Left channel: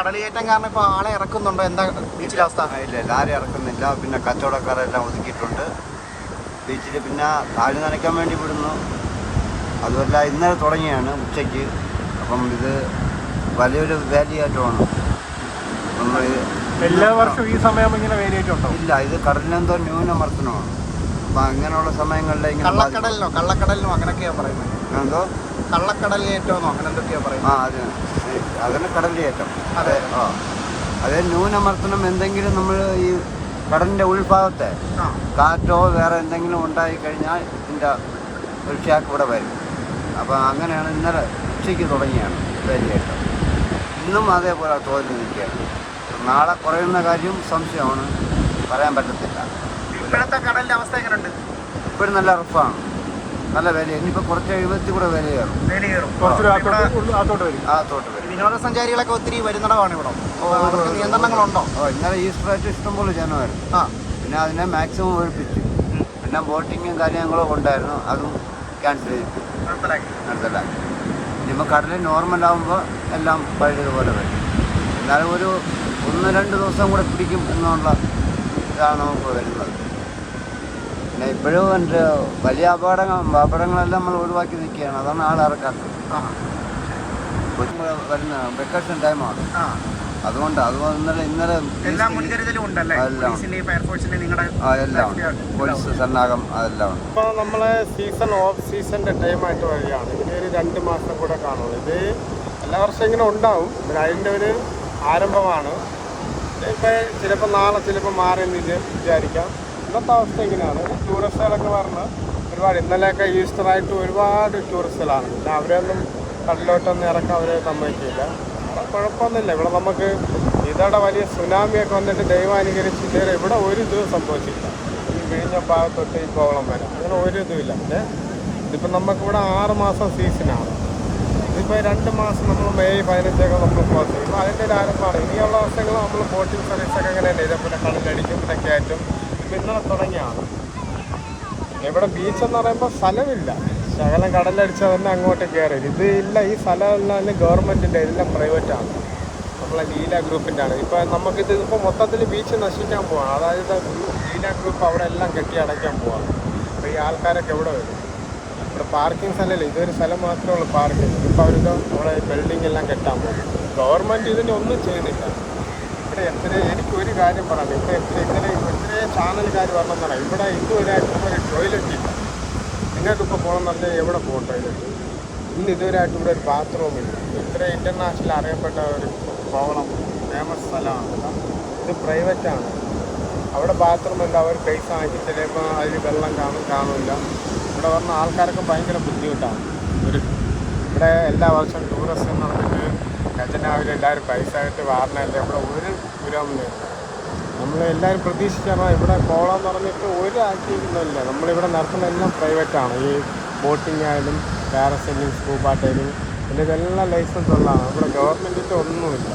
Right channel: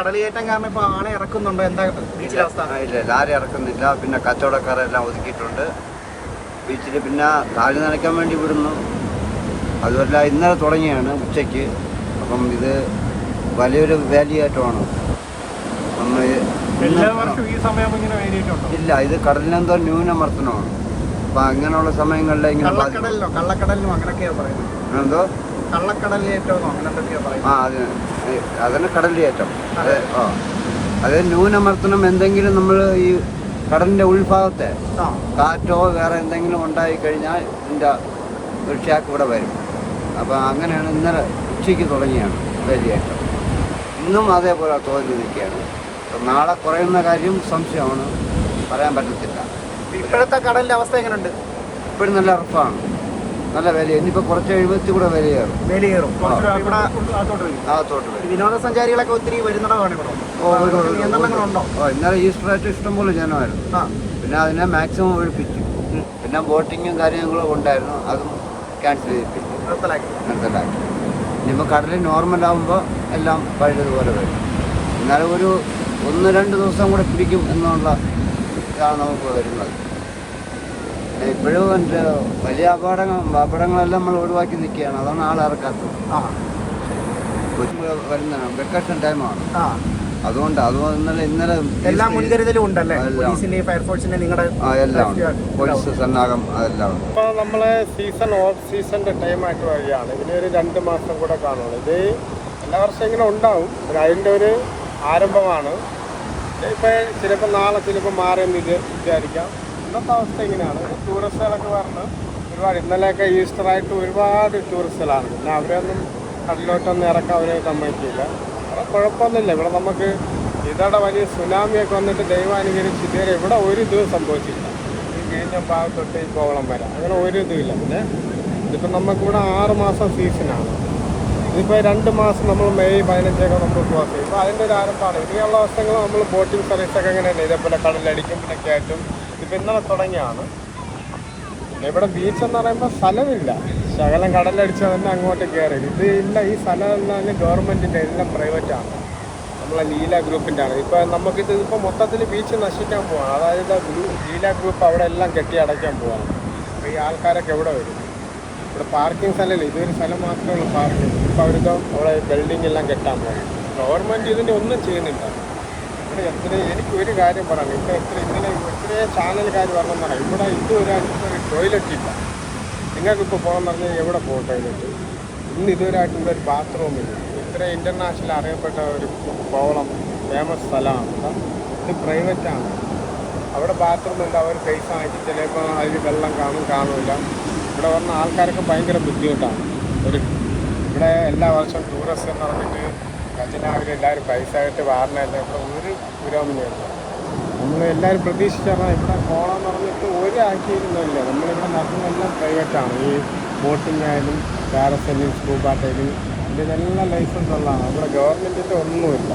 കടലിയേറ്റം കാരണം ഇപ്പൊ ആളെ ഇറക്കുന്നുണ്ടോ? എന്താ ബീച്ചിലെ അവസ്ഥ? ഇല്ല ലാരി ഇറക്കുന്നില്ല. പിന്നെ കച്ചവടക്കാരെല്ലാം ഒതുക്കിയിട്ടുണ്ട്. ബീച്ചിൽ പിന്നെ കാൽ നനയ്ക്കാൻ വേണ്ടി വിടുന്നു. അതുമല്ല ഇന്നലെ തുടങ്ങിയാണ് ഉച്ചയ്ക്ക്. അപ്പം ഇത് വലിയൊരു വേലിയേറ്റമാണ്. അപ്പം ഇല്ല ഇത് കടലിനെന്തോ ന്യൂനമർദ്ദനമാണ്. അപ്പം അങ്ങനെയുള്ള സമയങ്ങളിൽ ഇങ്ങനെ. കള്ളക്കടലിനോ? കള്ളക്കടലിനോ അങ്ങനെയൊക്കെയാ പറയുന്നത്. എന്തോ? കള്ളക്കടലിയേറ്റോന്നോ അങ്ങനെ എന്തൊക്കെയാ ആ പറയുന്നത് അത് അതിന് കടലിയേറ്റം അതെ ആ. അത് ന്യൂനമർദ്ദനം എന്തെങ്കിലും നമ്മൾ ഈ കടലിന്റെ ഉൾഭാഗത്തെ കാറ്റോ വേറെ എന്തെങ്കിലും ഉണ്ടായി കഴിഞ്ഞാൽ ഇതിന്റെ ഒരു ഷാക്ക് ഇവിടെ വരും. അപ്പോൾ അങ്ങനെയാണ് ഇന്നലെ ഉച്ചയ്ക്ക് തുടങ്ങിയാണ് വേലിയേറ്റം. ഇന്നും അതേപോലെ തോതിൽ നിൽക്കുകയാണ്. അപ്പം നാളെ കുറയുന്ന കാര്യം സംശയമാണ്. പറയാൻ പറ്റത്തില്ല. ഇപ്പോഴത്തെ കടലിന്റെ അവസ്ഥ എങ്ങനെയുണ്ട് ഇപ്പോഴും നല്ല റഫാണ് നല്ല വില ഇനിയിപ്പോ കുറച്ച് എഴുപത്തി കൂടെ വില കയറും. ഇവിടെ അകത്തോട്ട് വരും. വിനോദസഞ്ചാരികളൊക്കെ ഒത്തിരി വരുന്നിടമാണ് ഇവിടെ. നിയന്ത്രണങ്ങളുണ്ടോ ഇന്നലെ ഈസ്റ്ററായിട്ട് ഇഷ്ടംപോലെ ജനമായിരുന്നു. പിന്നെ അതിനെ മാക്സിമം ഒഴിപ്പിച്ചു. പിന്നെ ബോട്ടിങ്ങും കാര്യങ്ങളും ഉണ്ടായിരുന്നു അതും ക്യാൻസൽ ചെയ്യിപ്പിച്ചു. മനസ്സിലാക്കി ഇനിയിപ്പോൾ കടൽ നോർമൽ ആകുമ്പോൾ എല്ലാം പഴയതുപോലെ വരും. എന്നാലും ഒരു ഒന്ന് രണ്ട് ദിവസം കൂടെ പിടിക്കും എന്നുള്ള ഇതാണ് നമുക്ക് വരുന്നത്. പിന്നെ ഇപ്പോഴും എന്റെ വലിയ അപകടങ്ങൾ അപകടങ്ങളെല്ലാം നമ്മൾ ഒഴിവാക്കി നിൽക്കുകയാണ്. അതാണ് ആൾ ഇറക്കാത്തത്. വരുന്ന വെക്കേഷൻ ടൈമാണ്. ആ. അതുകൊണ്ട് അത് ഇന്നലെ ഇന്നലെ എല്ലാ മുൻകരുതലും ഉണ്ടല്ലേ? ഫയർഫോഴ്സിന്റെ നിങ്ങളുടെ എല്ലാം ഉണ്ട്. പോലീസ് സന്നാഹം അതെല്ലാം ഉണ്ട്. ഇപ്പോൾ നമ്മളെ സീസൺ ഓഫ് സീസണിന്റെ ടൈമായിട്ട് വഴിയാണ് ഇതിന് ഒരു രണ്ട് മാസം കൂടെ കാണുള്ളൂ. ഇത് എല്ലാ വർഷം ഇങ്ങനെ ഉണ്ടാവും അതിന്റെ ഒരു ആരംഭമാണ്. ഇപ്പൊ ചിലപ്പോൾ നാളെ ചിലപ്പോൾ മാറിയെന്ന് ഇത് വിചാരിക്കാം. ഇന്നത്തെ അവസ്ഥ ഇങ്ങനെയാണ്. ടൂറിസ്റ്റുകളൊക്കെ പറഞ്ഞ് ഒരുപാട് ഇന്നലെയൊക്കെ ഈസ്റ്ററായിട്ട് ഒരുപാട് ടൂറിസ്റ്റുകളാണ് പിന്നെ അവരെയൊന്നും കടലിലോട്ടൊന്നും ഇറക്കാൻ അവരെ സമ്മതിക്കില്ല. അവിടെ കുഴപ്പമൊന്നുമില്ല. ഇവിടെ നമുക്ക് ഇതോടെ വലിയ സുനാമിയൊക്കെ വന്നിട്ട് ദൈവാനുഗ്രഹിച്ച് ഇതുവരെ ഇവിടെ ഒരു ഇതും സംഭവിച്ചില്ല വിഴിഞ്ഞ ഭാഗത്തൊട്ട് ഈ കോവളം വരെ. അങ്ങനെ ഒരു ഇതുമില്ല. പിന്നെ ഇതിപ്പോൾ നമുക്കിവിടെ ആറ് മാസം സീസണാണ്. ഇതിപ്പോൾ രണ്ട് മാസം നമ്മൾ മെയ് പതിനഞ്ചൊക്കെ നമ്മൾ ക്ലോസ് ചെയ്യും ഇപ്പോൾ അതിന്റെ ഒരു ആരംഭമാണ്. ഇനിയുള്ള വർഷങ്ങൾ നമ്മൾ ബോട്ടിംഗ് സർവീസൊക്കെ അങ്ങനെ ഇതേപോലെ കടലടിക്കും പിന്നെ കയറ്റും. ഇതിപ്പോൾ തുടങ്ങിയാണ്. ഇവിടെ ബീച്ച് എന്ന് പറയുമ്പോൾ സ്ഥലമില്ല. ശകലം കടലടിച്ച തന്നെ അങ്ങോട്ട് കയറി ഇത് ഇല്ല ഈ സ്ഥലമെല്ലാം ഗവൺമെന്റിന്റെ എല്ലാം പ്രൈവറ്റ് ആണ്. നമ്മളെ ലീല ഗ്രൂപ്പിന്റെ ആണ്. ഇപ്പം നമുക്കിത് ഇപ്പോൾ മൊത്തത്തിൽ ബീച്ച് നശിക്കാൻ പോവാണ്. അതായത് ലീല ഗ്രൂപ്പ് അവിടെ എല്ലാം കെട്ടി അടയ്ക്കാൻ പോവാണ്. ഈ ആൾക്കാരൊക്കെ എവിടെ വരും? ഇവിടെ പാർക്കിംഗ് സ്ഥലമില്ല. ഇതൊരു സ്ഥലം മാത്രമേ ഉള്ളൂ പാർക്കിംഗ് ഇപ്പോൾ അവർക്ക് അവിടെ ബിൽഡിംഗ് എല്ലാം കെട്ടാൻ പോകും ഗവൺമെന്റ് ഇതിന്റെ ഒന്നും ചെയ്യുന്നില്ല. ഇവിടെ എത്ര എനിക്ക് ഒരു കാര്യം പറയാം. ഇവിടെ എത്ര ഇങ്ങനെ എത്ര ചാനലുകാർ വരണം എന്നാണ് ഇവിടെ ഇതുവരെ ഒരു ടോയ്ലറ്റ് ഇല്ല. നിങ്ങൾക്കിപ്പോൾ പോകണം പറഞ്ഞാൽ എവിടെ പോകും ടോയ്ലറ്റ് ഇന്ന് ഇതുവരെയായിട്ട് ഇവിടെ ഒരു ബാത്റൂം ഇല്ല. ഇത്ര ഇന്റർനാഷണൽ അറിയപ്പെട്ട ഒരു കോവളം ഫേമസ് സ്ഥലമാണ്. കേട്ടോ ഇത് പ്രൈവറ്റാണ് അവിടെ ബാത്റൂം ഉണ്ട് അവർ പൈസ വാങ്ങിച്ച് ചിലപ്പോൾ അതിൽ വെള്ളം കാണും കാണില്ല ഇവിടെ വന്ന ആൾക്കാർക്ക് ഭയങ്കര ബുദ്ധിമുട്ടാണ്. ഒരു ഇവിടെ എല്ലാ വർഷവും ടൂറിസ്റ്റ് എന്ന് ഖജനാവിലെല്ലാവരും പൈസ ആയിട്ട് വാരണമല്ല ഇവിടെ ഒരു പുരോഗമനമില്ല നമ്മൾ എല്ലാവരും പ്രതീക്ഷിച്ചാൽ ഇവിടെ കോളം പറഞ്ഞിട്ട് ഒരു ആക്കിയിരുന്നില്ല നമ്മളിവിടെ നടത്തുന്ന എല്ലാം പ്രൈവറ്റാണ് ഈ ബോട്ടിംഗ് ആയാലും പാരസെല്ലിംഗ് സ്കൂബ ടൈലിംഗ് ഇതിന്റെ ഇതെല്ലാം ലൈസൻസ് ഉള്ളതാണ്. ഇവിടെ ഗവൺമെന്റിന്റെ ഒന്നുമില്ല.